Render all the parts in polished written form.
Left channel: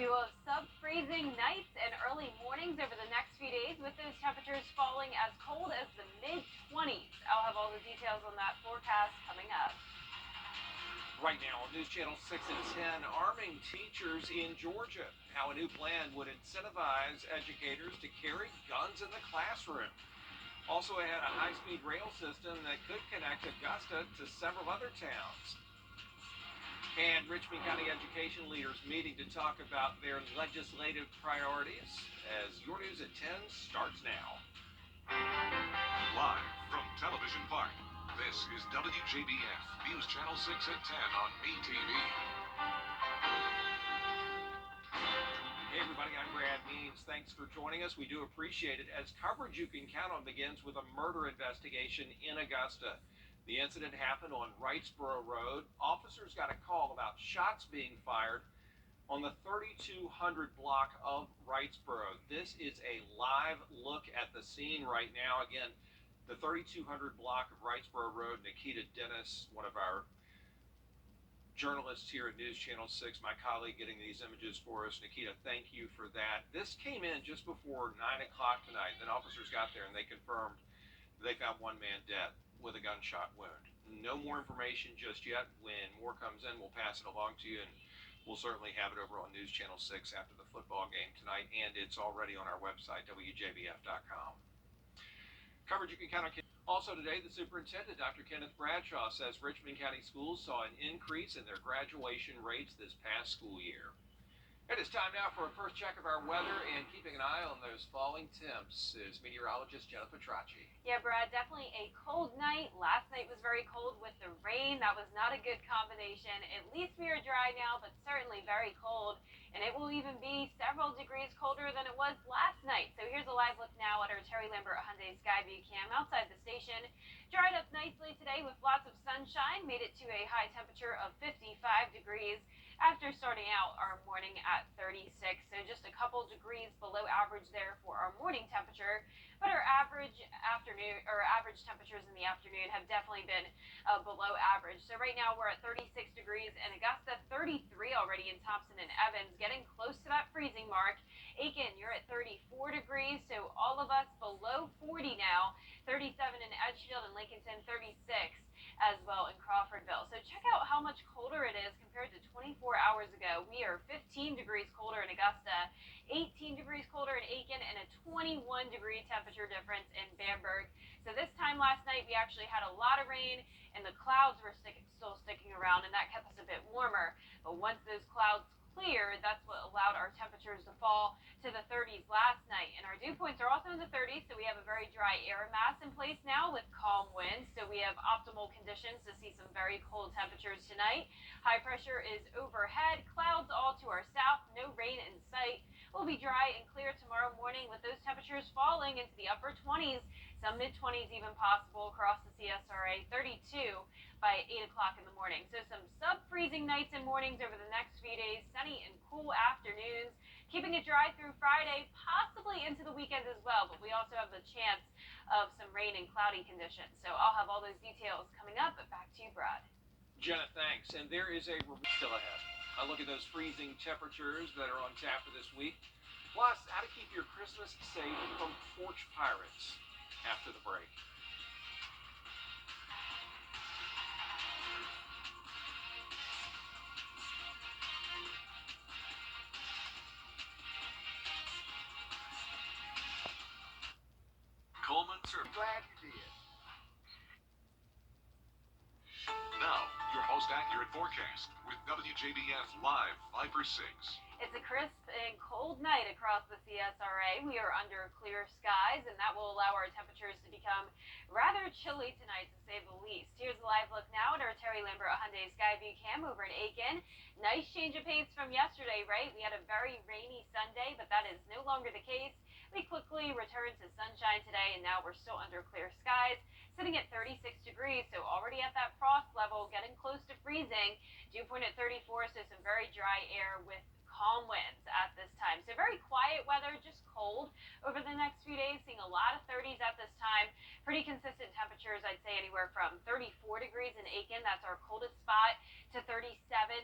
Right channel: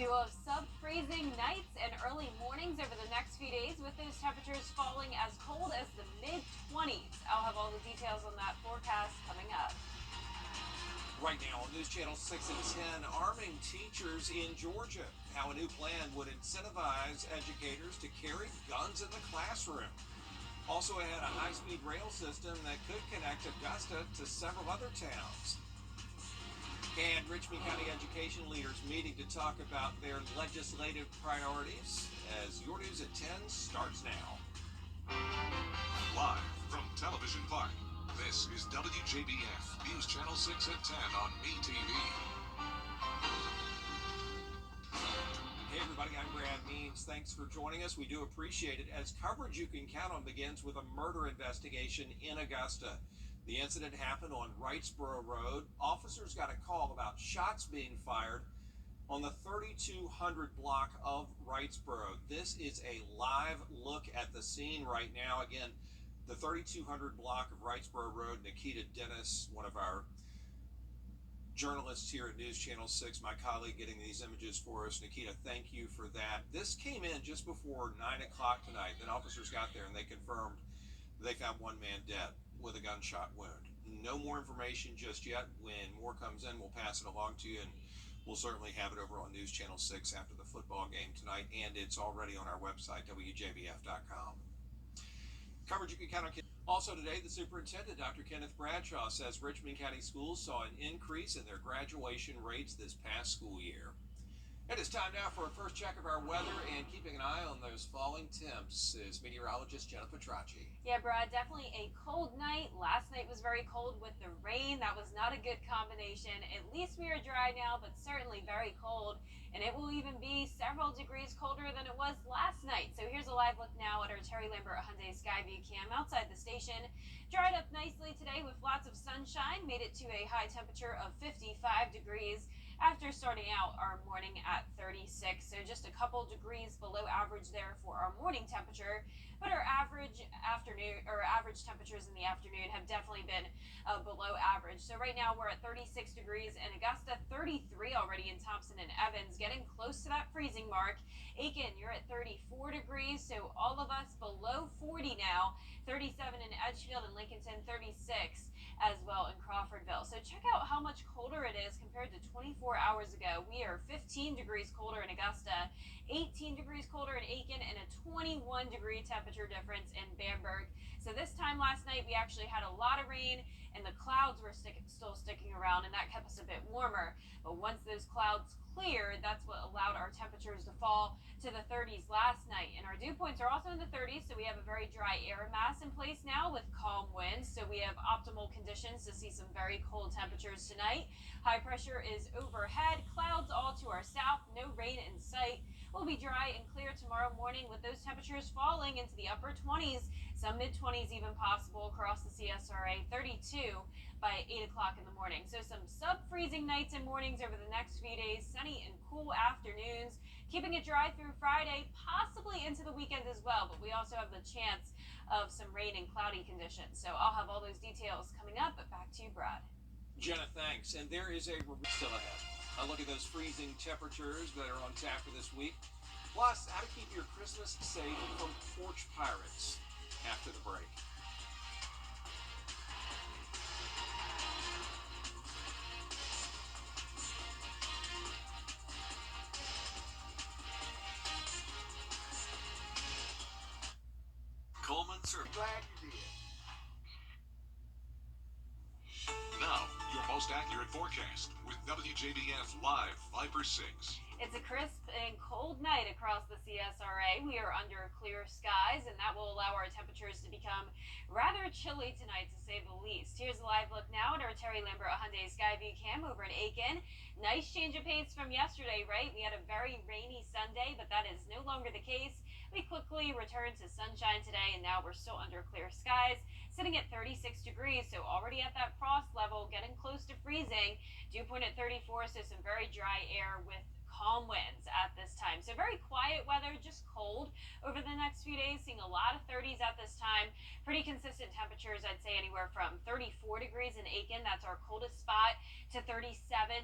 We will have sub-freezing nights and early mornings over the next few days, with those temperatures falling as cold as the mid-20s. I'll have all the details on that forecast coming up. Right now on News Channel 6 and 10, arming teachers in Georgia. How a new plan would incentivize educators to carry guns in the classroom. Also ahead, a high-speed rail system that could connect Augusta to several other towns. And Richmond County education leaders meeting to talk about their legislative priorities as Your News at 10 starts now. Live from Television Park, this is WJBF News Channel 6 at 10 on MeTV. Hey everybody, I'm Brad Means. Thanks for joining us. We do appreciate it, as coverage you can count on begins with a murder investigation in Augusta. The incident happened on Wrightsboro Road. Officers got a call about shots being fired on the 3200 block of Wrightsboro. This is a live look at the scene right now. Again, the 3200 block of Wrightsboro Road. Nikita Dennis, one of our journalists here at News Channel 6, my colleague, getting these images for us. Nikita, thank you for that. This came in just before 9 o'clock tonight. Then officers got there and they confirmed they found one man dead with a gunshot wound. No more information just yet. When more comes in, we'll pass it along to you, and we'll certainly have it over on News Channel 6 after the football game tonight, and it's already on our website, WJBF.com. Coverage you can count on. Also today, the superintendent, Dr. Kenneth Bradshaw, says Richmond County schools saw an increase in their graduation rates this past school year. It is time now for a first check of our weather, and keeping an eye on those falling temps is meteorologist Jenna Petracci. Yeah, Brad, definitely a cold night. Last night was very cold with the rain. That was not a good combination. At least we are dry now, but certainly very cold. And it will even be several degrees colder than it was last night. So here's a live look now at our Terry Lambert Hyundai Skyview cam outside the station. Dried up nicely today with lots of sunshine. Made it to a high temperature of 55 degrees. After starting out our morning at 36, so just a couple degrees below average there for our morning temperature, but our average temperatures in the afternoon have definitely been below average. So right now we're at 36 degrees in Augusta, 33 already in Thompson and Evans, getting close to that freezing mark. Aiken, you're at 34 degrees, so all of us below 40 now. 37 in Edgefield and Lincolnton, 36 as well in Crawfordville. So check out how much colder it is compared to 24 hours ago. We are 15 degrees colder in Augusta, 18 degrees colder in Aiken, and a 21 degree temperature difference in Bamberg. So this time last night, we actually had a lot of rain and the clouds were still sticking around, and that kept us a bit warmer. But once those clouds cleared, that's what allowed our temperatures to fall to the 30s last night. And our dew points are also in the 30s, so we have a very dry air mass in place now with calm winds. So we have optimal conditions to see some very cold temperatures tonight. High pressure is overhead, clouds all to our south, no rain in sight. We'll be dry and clear tomorrow morning with those temperatures falling into the upper 20s, some mid-20s even possible across the CSRA, 32 by 8 o'clock in the morning. So some sub-freezing nights and mornings over the next few days, sunny and cool afternoons, keeping it dry through Friday, possibly into the weekend as well, but we also have the chance of some rain and cloudy conditions. So I'll have all those details coming up, but back to you, Brad. Jenna, thanks. And there is a still ahead. A look at those freezing temperatures that are on tap for this week. Plus, how to keep your Christmas safe from porch pirates after the break. Coleman, sir. Glad you did. Now, your most accurate forecast with WJBF Live Viper 6. It's a crisp and cold night across the CSRA. We are under clear skies, and that will allow our temperatures to become rather chilly tonight, to say the least. Here's a live look now at our Terry Lambert Hyundai Skyview cam over in Aiken. Nice change of pace from yesterday, right? We had a very rainy Sunday, but that is no longer the case. We quickly returned to sunshine today, and now we're still under clear skies, sitting at 36 degrees, so already at that frost level, getting close to freezing. Dew point at 34, so some very dry air with calm winds at this time. So very quiet weather, just cold over the next few days, seeing a lot of 30s at this time. Pretty consistent temperatures, I'd say anywhere from 34 degrees in Aiken, that's our coldest spot, to 37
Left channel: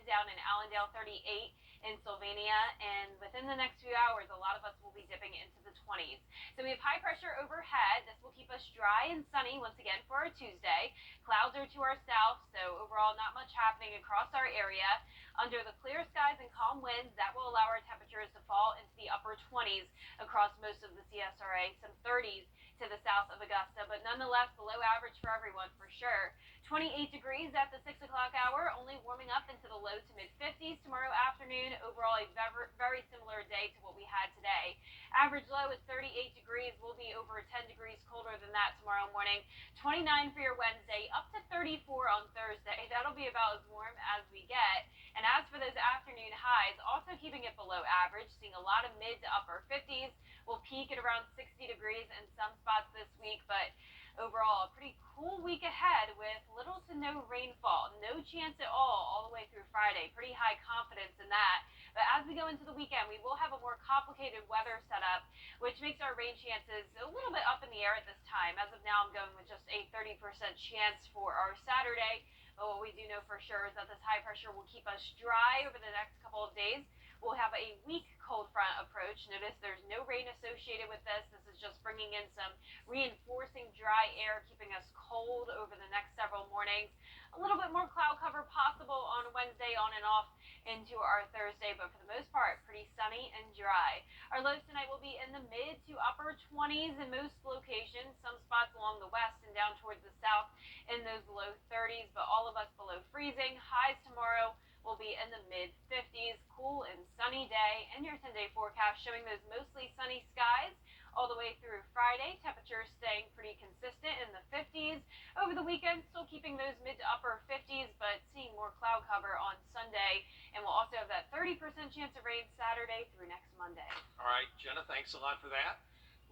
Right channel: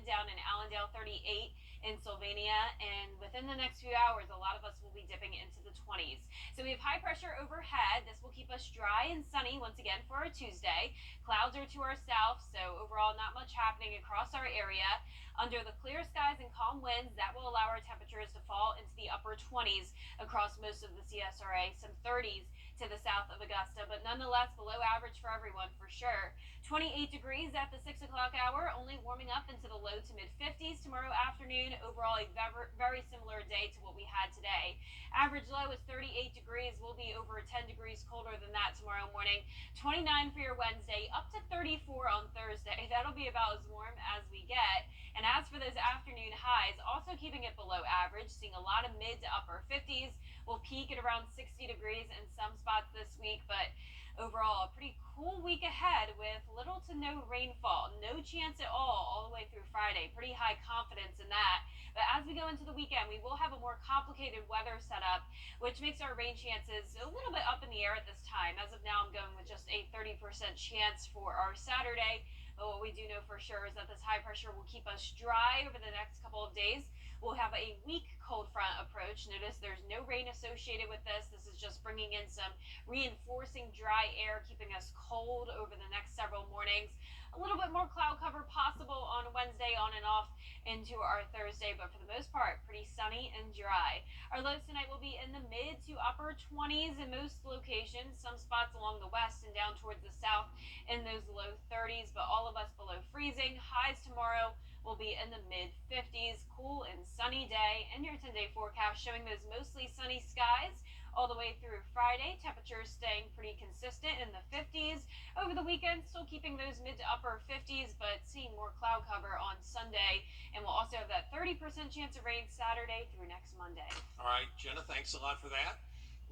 down in Allendale, 38 in Sylvania. And within the next few hours, a lot of us will be dipping into the 20s. So we have high pressure overhead. This will keep us dry and sunny once again for our Tuesday. Clouds are to our south, so overall not much happening across our area. Under the clear skies and calm winds, that will allow our temperatures to fall into the upper 20s across most of the CSRA, some 30s to the south of Augusta, but nonetheless below average for everyone for sure. 28 degrees at the 6 o'clock hour, only warming up into the low to mid 50s tomorrow afternoon. Overall, a very similar day to what we had today. Average low is 38 degrees. We'll be over 10 degrees colder than that tomorrow morning. 29 for your Wednesday, up to 34 on Thursday. That'll be about as warm as we get. And as for those afternoon highs, also keeping it below average, seeing a lot of mid to upper 50s. We'll peak at around 60 degrees in some spots this week, but overall a pretty cool week ahead with little to no rainfall. No chance at all the way through Friday. Pretty high confidence in that. But as we go into the weekend, we will have a more complicated weather setup, which makes our rain chances a little bit up in the air at this time. As of now, I'm going with just a 30% chance for our Saturday. But what we do know for sure is that this high pressure will keep us dry over the next couple of days. We'll have a weak cold front approach. Notice there's no rain associated with this. This is just bringing in some reinforcing dry air, keeping us cold over the next several mornings. A little bit more cloud cover possible on Wednesday on and off into our Thursday, but for the most part, pretty sunny and dry. Our lows tonight will be in the mid to upper 20s in most locations. Some spots along the west and down towards the south in those low 30s, but all of us below freezing. Highs tomorrow will be in the mid 50s. Cool and sunny day, and your 10-day forecast showing those mostly sunny skies all the way through Friday. Temperatures staying pretty consistent in the 50s. Over the weekend, still keeping those mid to upper 50s, but seeing more cloud cover on Sunday. And we'll also have that 30% chance of rain Saturday through next Monday. All right, Jenna, thanks a lot for that.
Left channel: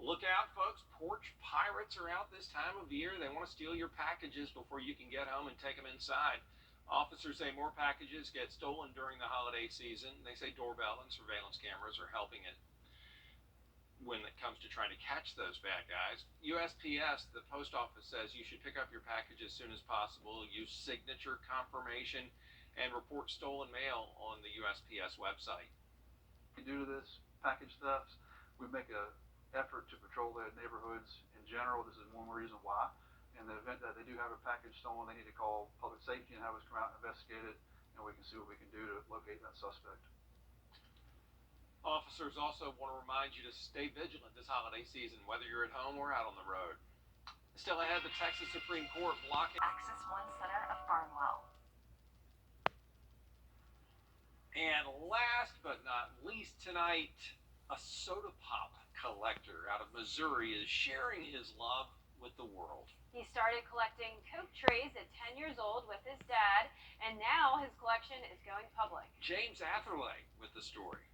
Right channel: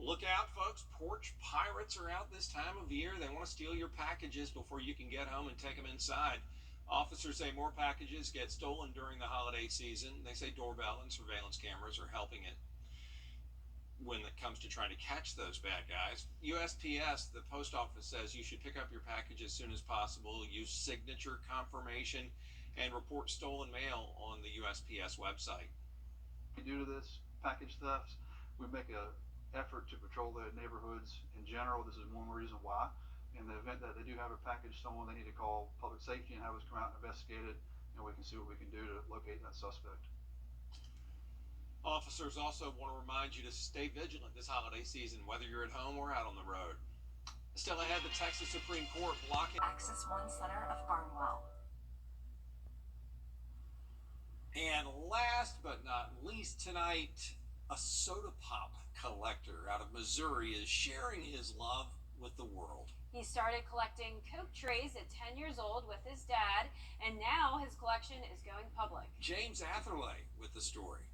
Look out, folks. Porch pirates are out this time of year. They want to steal your packages before you can get home and take them inside. Officers say more packages get stolen during the holiday season. They say doorbell and surveillance cameras are helping it when it comes to trying to catch those bad guys. USPS, the post office, says you should pick up your package as soon as possible. Use signature confirmation and report stolen mail on the USPS website. Due to this package thefts, we make an effort to patrol the neighborhoods in general. This is one reason why. In the event that they do have a package stolen, they need to call public safety and have us come out and investigate it, and we can see what we can do to locate that suspect. Officers also want to remind you to stay vigilant this holiday season, whether you're at home or out on the road. Still ahead, the Texas Supreme Court blocking Axis One Center of Barnwell. And last but not least tonight, a soda pop collector out of Missouri is sharing his love with the world. He started collecting Coke trays at 10 years old with his dad, and now his collection is going public. James Atherley with the story.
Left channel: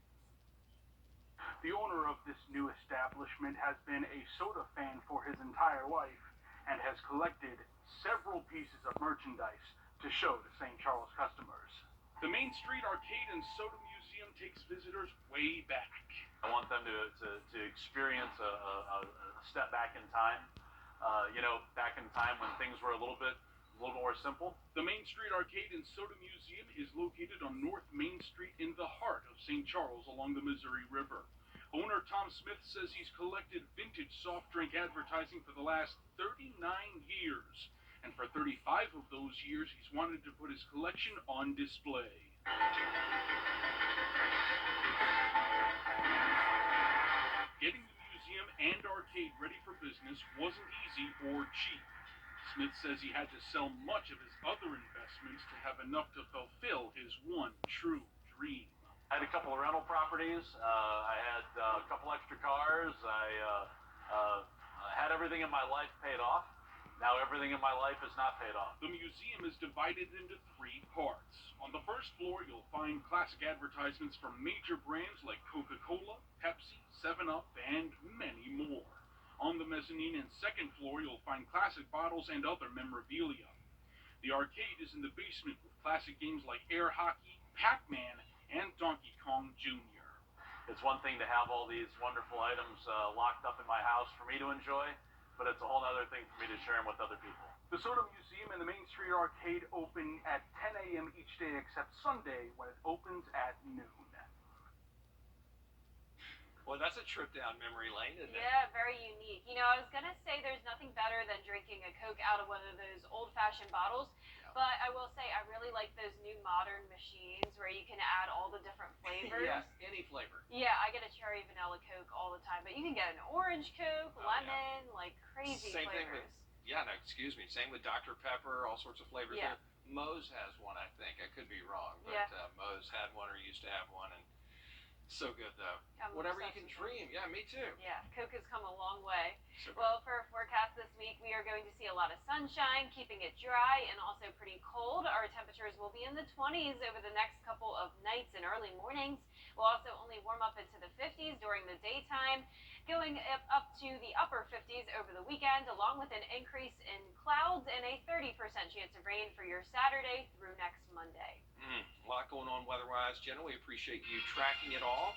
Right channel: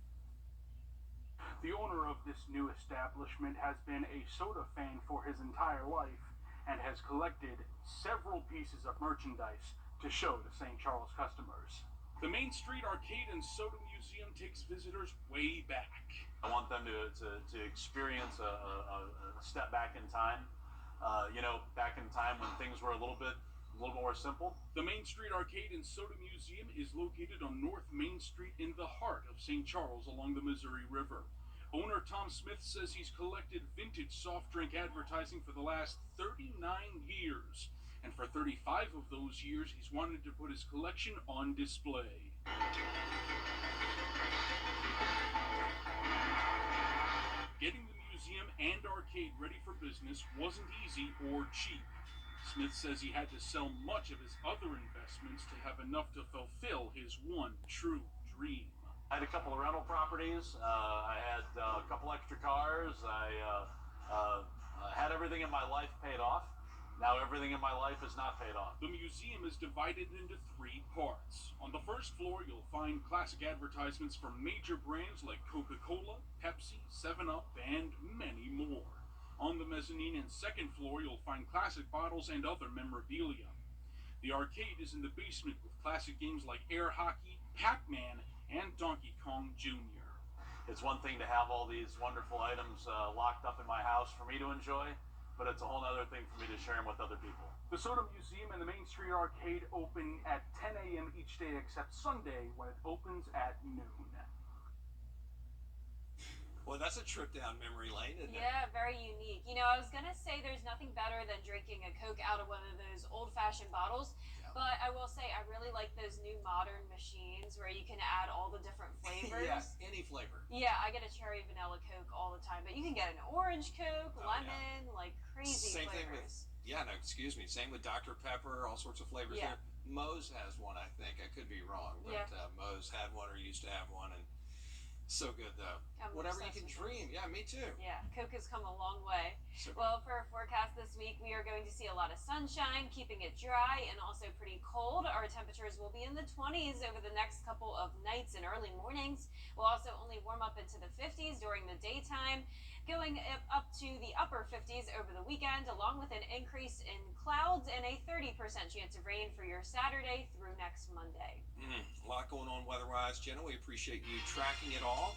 The owner of this new establishment has been a soda fan for his entire life and has collected several pieces of merchandise to show to St. Charles customers. The Main Street Arcade and Soda Museum takes visitors way back. I want them to experience a step back in time. Back in time when things were a little bit more simple. The Main Street Arcade and Soda Museum is located on North Main Street in the heart of St. Charles along the Missouri River. Owner Tom Smith says he's collected vintage soft drink advertising for the last 39 years. And for 35 of those years, he's wanted to put his collection on display. Getting the museum and arcade ready for business wasn't easy or cheap. Smith says he had to sell much of his other investments to have enough to fulfill his one true dream. I had a couple of rental properties. I had a couple extra cars. I had everything in my life paid off. Now everything in my life is not paid off. The museum is divided into 3 parts. On the first floor, you'll find classic advertisements from major brands like Coca-Cola, Pepsi, 7-Up, and many more. On the mezzanine and second floor, you'll find classic bottles and other memorabilia. The arcade is in the basement with classic games like air hockey, Pac-Man, and Donkey Kong Jr. It's one thing to have all these wonderful items locked up in my house for me to enjoy, but it's a whole other thing for me to share them with other people. The Soda Museum and the Main Street Arcade open at 10 a.m. each day except Sunday when it opens at noon. Well, that's a trip down memory lane, isn't it? Yeah, very unique. You know, I was going to say there's nothing better than drinking a Coke out of one of those old-fashioned bottles, but I will say I really like those new modern machines where you can add all the different flavors. Yes, any flavor. Yeah, I get a cherry vanilla Coke all the time, but you can get an orange Coke, lemon, like crazy Same flavors. thing with, same with Dr. Pepper, all sorts of flavors Yeah. there. Moe's has one, I think. I could be wrong, but Moe's had one or used to have one, and so good though. I'm Whatever you obsessed can with dream. Yeah, me too. Yeah, Coke has come a long way. So Well, for our forecast this week, we are going to see a lot of sunshine, keeping it dry and also pretty cold. Our temperatures will be in the 20s over the next couple of nights and early mornings. We'll also only warm up into the 50s during the daytime, going up to the upper 50s over the weekend, along with an increase in clouds and a 30% chance of rain for your Saturday through next Monday. a lot going on weather-wise. Jenna, we appreciate you tracking it all,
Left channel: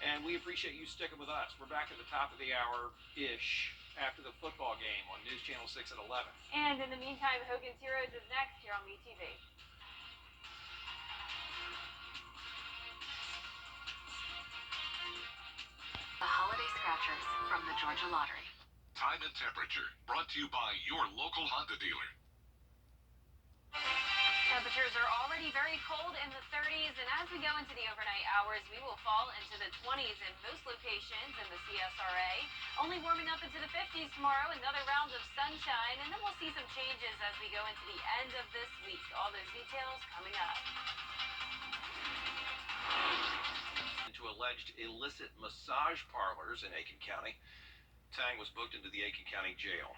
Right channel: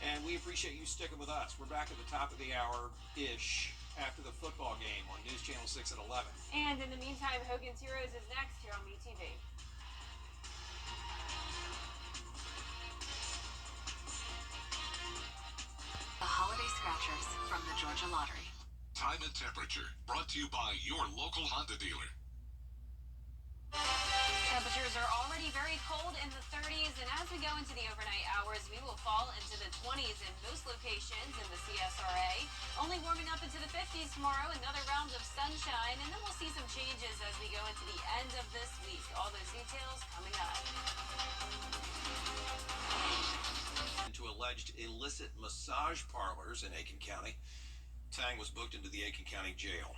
and we appreciate you sticking with us. We're back at the top of the hour-ish after the football game on News Channel 6 at 11. And in the meantime, Hogan's Heroes is next here on WTV. The Holiday Scratchers from the Georgia Lottery. Time and temperature brought to you by your local Honda dealer. Temperatures are already very cold in the 30s, and as we go into the overnight hours, we will fall into the 20s in most locations in the CSRA. Only warming up into the 50s tomorrow, another round of sunshine, and then we'll see some changes as we go into the end of this week. All those details coming up. Into alleged illicit massage parlors in Aiken County. Tang was booked into the Aiken County Jail.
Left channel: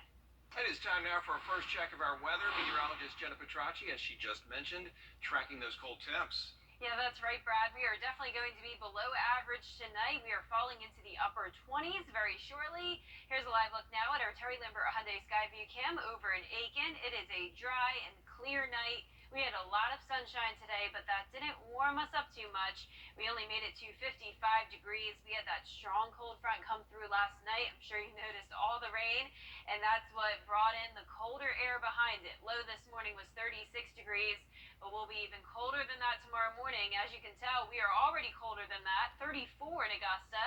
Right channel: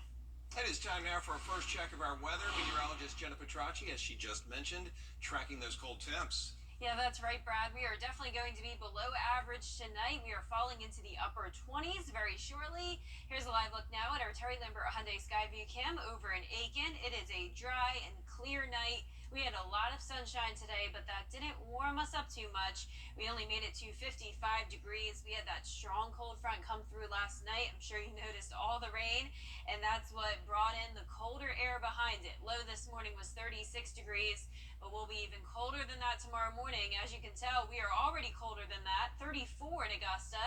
It is time now for our first check of our weather. Meteorologist Jenna Petracci, as she just mentioned, tracking those cold temps. Yeah, that's right, Brad. We are definitely going to be below average tonight. We are falling into the upper 20s very shortly. Here's a live look now at our Terry Lambert Hyundai Skyview Cam over in Aiken. It is a dry and clear night. We had a lot of sunshine today, but that didn't warm us up too much. We only made it to 55 degrees. We had that strong cold front come through last night. I'm sure you noticed all the rain, and that's what brought in the colder air behind it. Low this morning was 36 degrees, but we'll be even colder than that tomorrow morning. As you can tell, we are already colder than that. 34 in Augusta,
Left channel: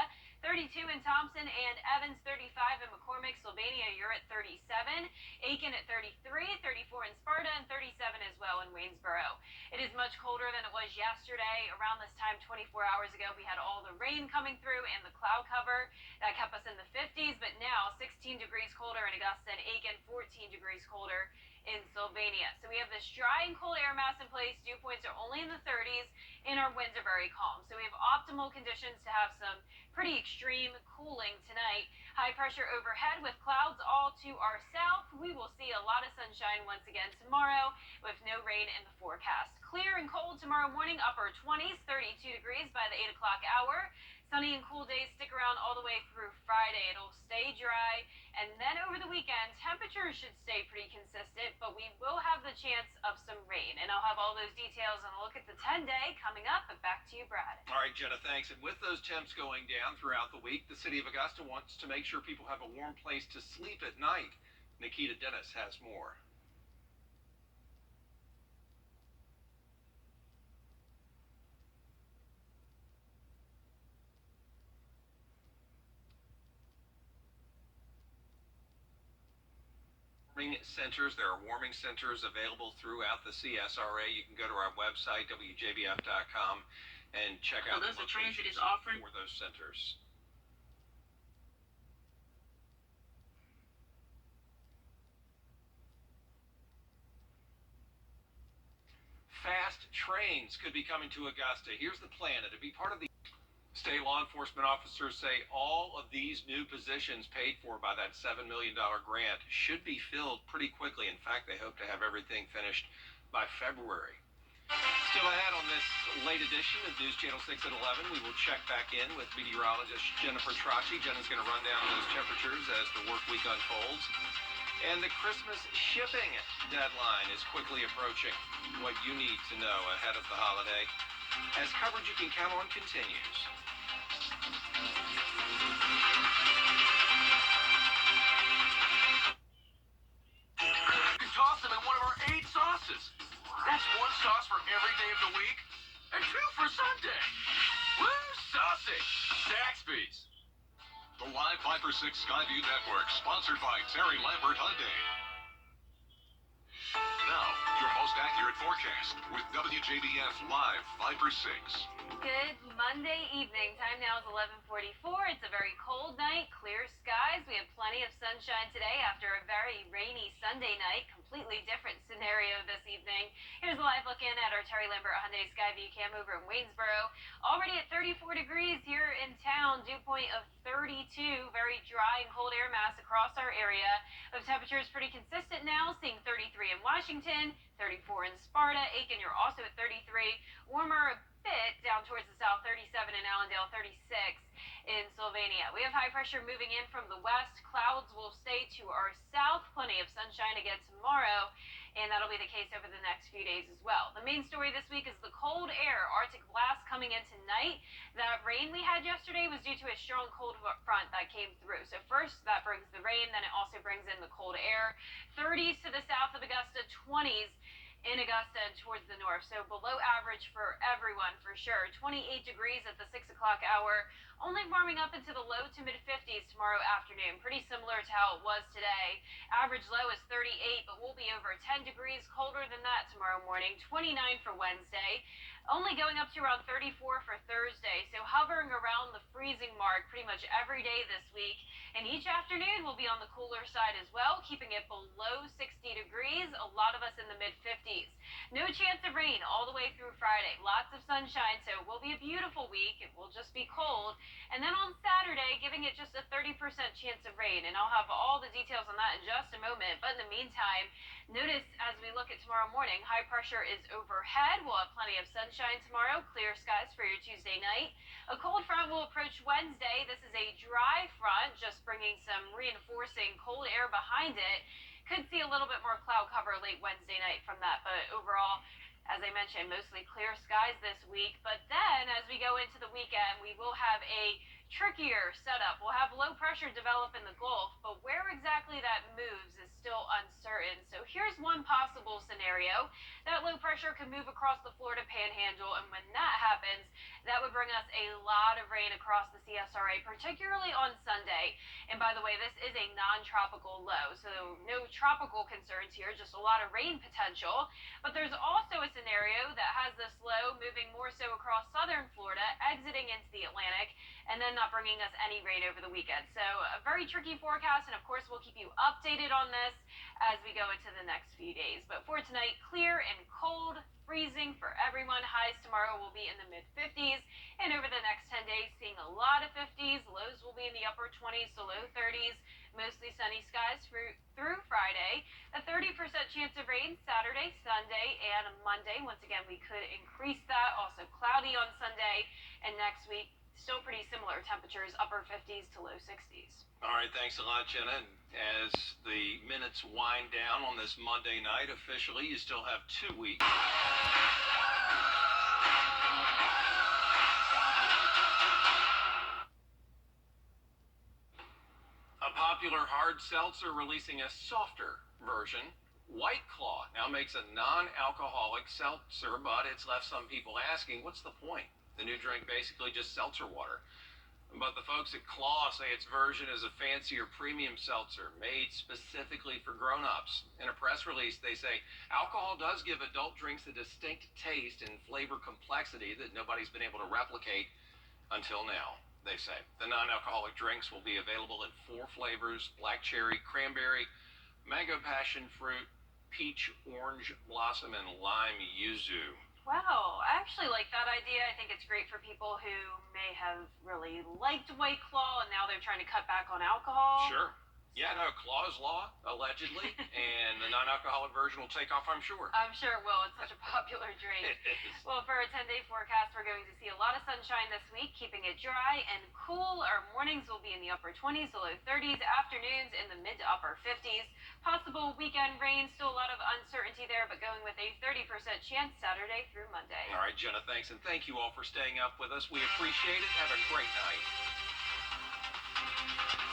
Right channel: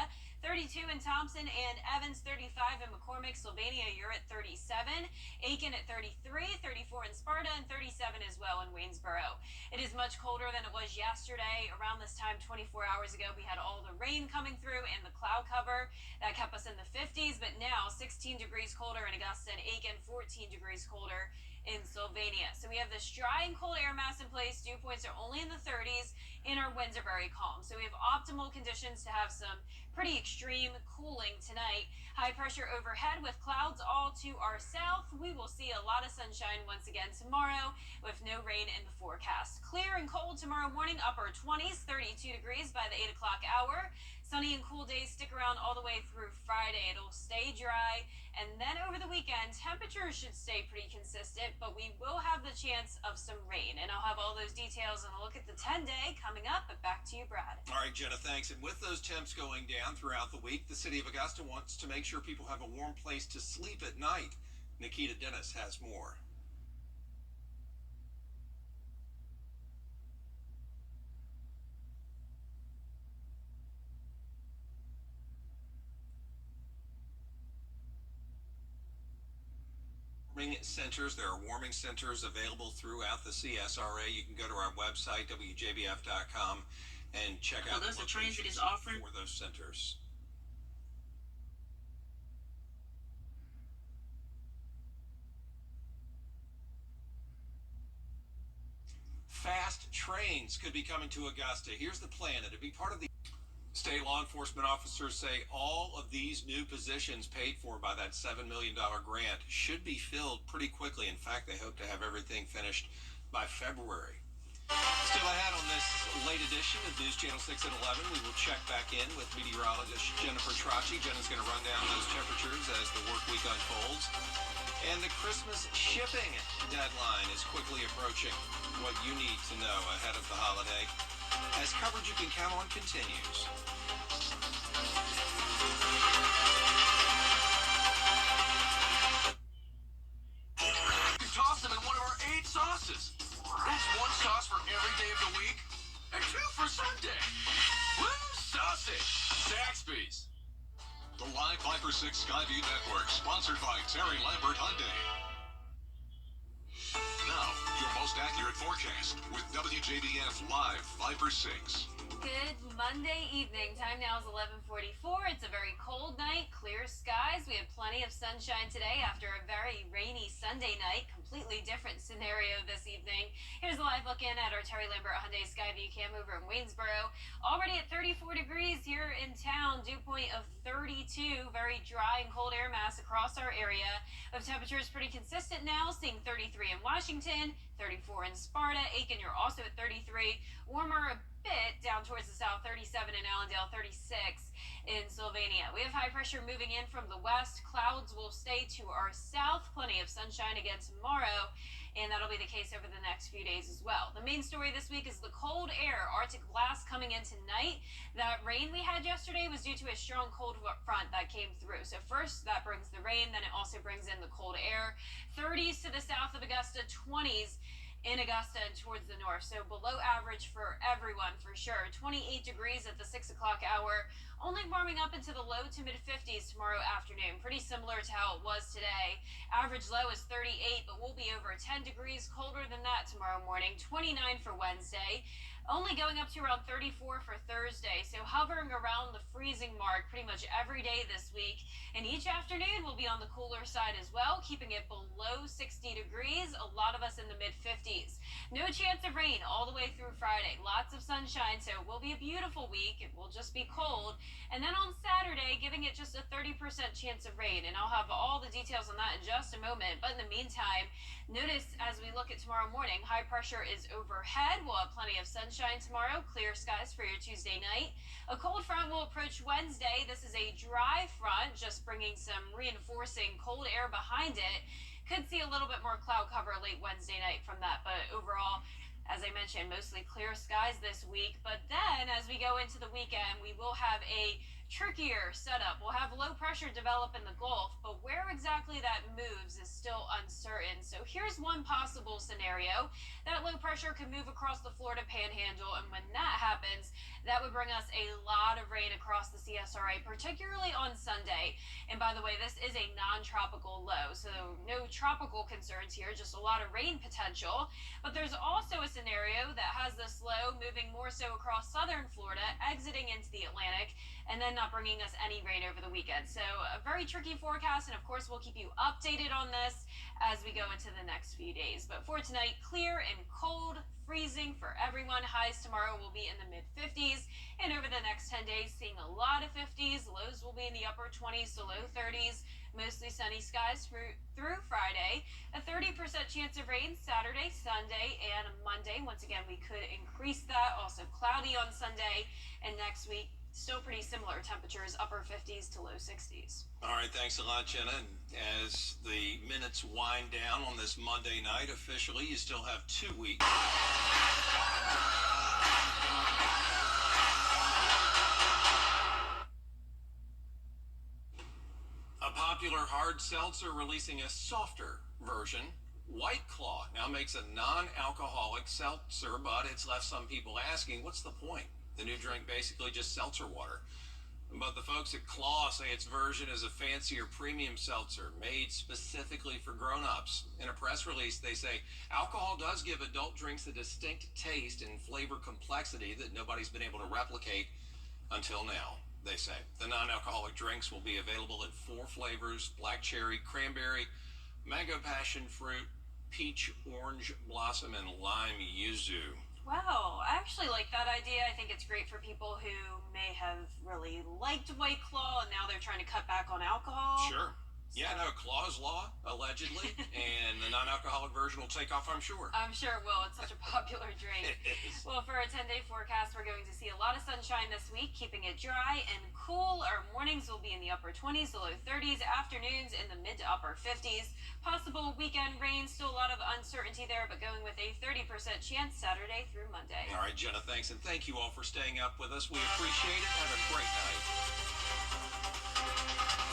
32 in Thompson and Evans, 35 in McCormick. Sylvania, you're at 37. Aiken at 33, 34 in Sparta, and 37 as well in Waynesboro. It is much colder than it was yesterday. Around this time 24 hours ago, we had all the rain coming through and the cloud cover. That kept us in the 50s, but now 16 degrees colder in Augusta and Aiken, 14 degrees colder in Sylvania. So we have this dry and cold air mass in place. Dew points are only in the 30s, and our winds are very calm. So we have optimal conditions to have some pretty extreme cooling tonight. High pressure overhead with clouds all to our south. We will see a lot of sunshine once again tomorrow with no rain in the forecast. Clear and cold tomorrow morning, upper 20s, 32 degrees by the 8 o'clock hour. Sunny and cool days stick around all the way through Friday. It'll stay dry, and then over the weekend, temperatures should stay pretty consistent, but we will have the chance of some rain. And I'll have all those details and a look at the 10-day coming up, but back to you, Brad. All right, Jenna, thanks. And with those temps going down throughout the week, the city of Augusta wants to make sure people have a warm place to sleep at night. Nikita Dennis has more. Centers. There are warming centers available throughout the CSRA. You can go to our website, WJBF.com, and check out the locations for those centers. Fast trains could be coming to Augusta. Here's the plan. It'd be part of the state law enforcement officers say all of these new positions paid for by that $7 million grant should be filled pretty quickly. In fact, they hope to have everything finished by February. Still ahead on this late edition of News Channel 6 at 11, we will check back in with meteorologist Jenna Petracci. Jenna's going to run down those temperatures as the work week unfolds. And the Christmas shipping deadline is quickly approaching. What you need to know ahead of the holiday. as coverage you can count on continues. You toss them in one of our 8 sauces. That's 1 sauce for every day of the week, and 2 for Sunday. Woo, saucy! Zaxby's. The Live 5 for 6 Skyview Network, sponsored by Terry Lambert Hyundai. Now, your most accurate forecast with WJBF Live 5 for 6. Good Monday evening. Time now is 11:44. It's a very cold night, clear skies. We have plenty of sunshine today after a very rainy Sunday night. Completely different scenario this evening. Here's a live look in at our Terry Lambert Hyundai Skyview cam over in Waynesboro. Already at 34 degrees here in town. Dew point of 32. Very dry and cold air mass across our area. The temperature is pretty consistent now, seeing 33 in Washington, 34 in Sparta. Aiken, you're also at 33. Warmer a bit down towards the south, 37 in Allendale, 36 in Sylvania. We have high pressure moving in from the west. Clouds will stay to our south. Plenty of sunshine again tomorrow, and that'll be the case over the next few days as well. The main story this week is the cold air, Arctic blast coming in tonight. That rain we had yesterday was due to a strong cold front that came through. So first that brings the rain, then it also brings in the cold air. 30s to the south of Augusta, 20s in Augusta and towards the north, so below average for everyone for sure. 28 degrees at the 6 o'clock hour, only warming up into the low to mid 50s tomorrow afternoon, pretty similar to how it was today. Average low is 38, but we'll be over 10 degrees colder than that tomorrow morning. 29 for Wednesday, only going up to around 34 for Thursday, so hovering around the freezing mark pretty much every day this week. And each afternoon will be on the cooler side as well, keeping it below 60 degrees, a lot of us in the mid 50s. No chance of rain all the way through Friday. Lots of sunshine, so it will be a beautiful week. It will just be cold. And then on Saturday, giving it just a 30% chance of rain. And I'll have all the details on that in just a moment. But in the meantime, notice as we look at tomorrow morning, high pressure is overhead. We'll have plenty of sunshine tomorrow. Clear skies for your Tuesday night. A cold front will approach Wednesday. This is a dry front, just bringing some reinforcing cold air behind it. Could see a little bit more cloud cover late Wednesday night from that, but overall, as I mentioned, mostly clear skies this week. But then as we go into the weekend, we will have a trickier setup. We'll have low pressure develop in the Gulf, but where exactly that moves is still uncertain. So here's one possible scenario. That low pressure could move across the Florida Panhandle, and when that happens, that would bring us a lot of rain across the CSRA, particularly on Sunday. And by the way, this is a non-tropical low, so no tropical concerns here, just a lot of rain potential. But there's also a scenario that has this low moving more so across southern Florida, exiting into the Atlantic, and then not bringing us any rain over the weekend. So a very tricky forecast, and of course we'll keep you updated on this as we go into the next few days. But for tonight, clear and cold, freezing for everyone. Highs tomorrow will be in the mid 50s, and over the next 10 days, seeing a lot of 50s. Lows will be in the upper 20s to low 30s. Mostly sunny skies through Friday. A 30% chance of rain Saturday, Sunday, and Monday. Once again, we could increase that. Also cloudy on Sunday, and next week, still pretty similar temperatures, upper 50s to low 60s. All right, thanks a lot, Jenna. And as the minutes wind down on this Monday night, officially, you still have 2 weeks. A popular hard seltzer releasing a softer version. White Claw now makes a non-alcoholic seltzer, but it's left some people asking, what's the point? The new drink basically just seltzer water. But the folks at Claw say its version is a fancier premium seltzer made specifically for grown-ups. In a press release, they say alcohol does give adult drinks a distinct taste and flavor complexity that nobody's been able to replicate until now, they say. The non-alcoholic drinks will be available in 4 flavors: black cherry, cranberry, mango passion fruit, peach, orange blossom, and lime yuzu. Wow, I actually like that idea. I think it's great for people who may have really liked White Claw and now they're trying to cut back on alcohol. Sure. Yeah, no, Claus Law, allegedly, and the non-alcoholic version will take off, I'm sure. I'm sure it will. It's such a popular drink. It is. Well, for a 10-day forecast, we're going to see a lot of sunshine this week, keeping it dry and cool. Our mornings will be in the upper 20s to low 30s, afternoons in the mid to upper 50s. Possible weekend rain, still a lot of uncertainty there, but going with a 30% chance Saturday through Monday. All right, Jenna, thanks, and thank you all for staying up with us. We appreciate it. Have a great night.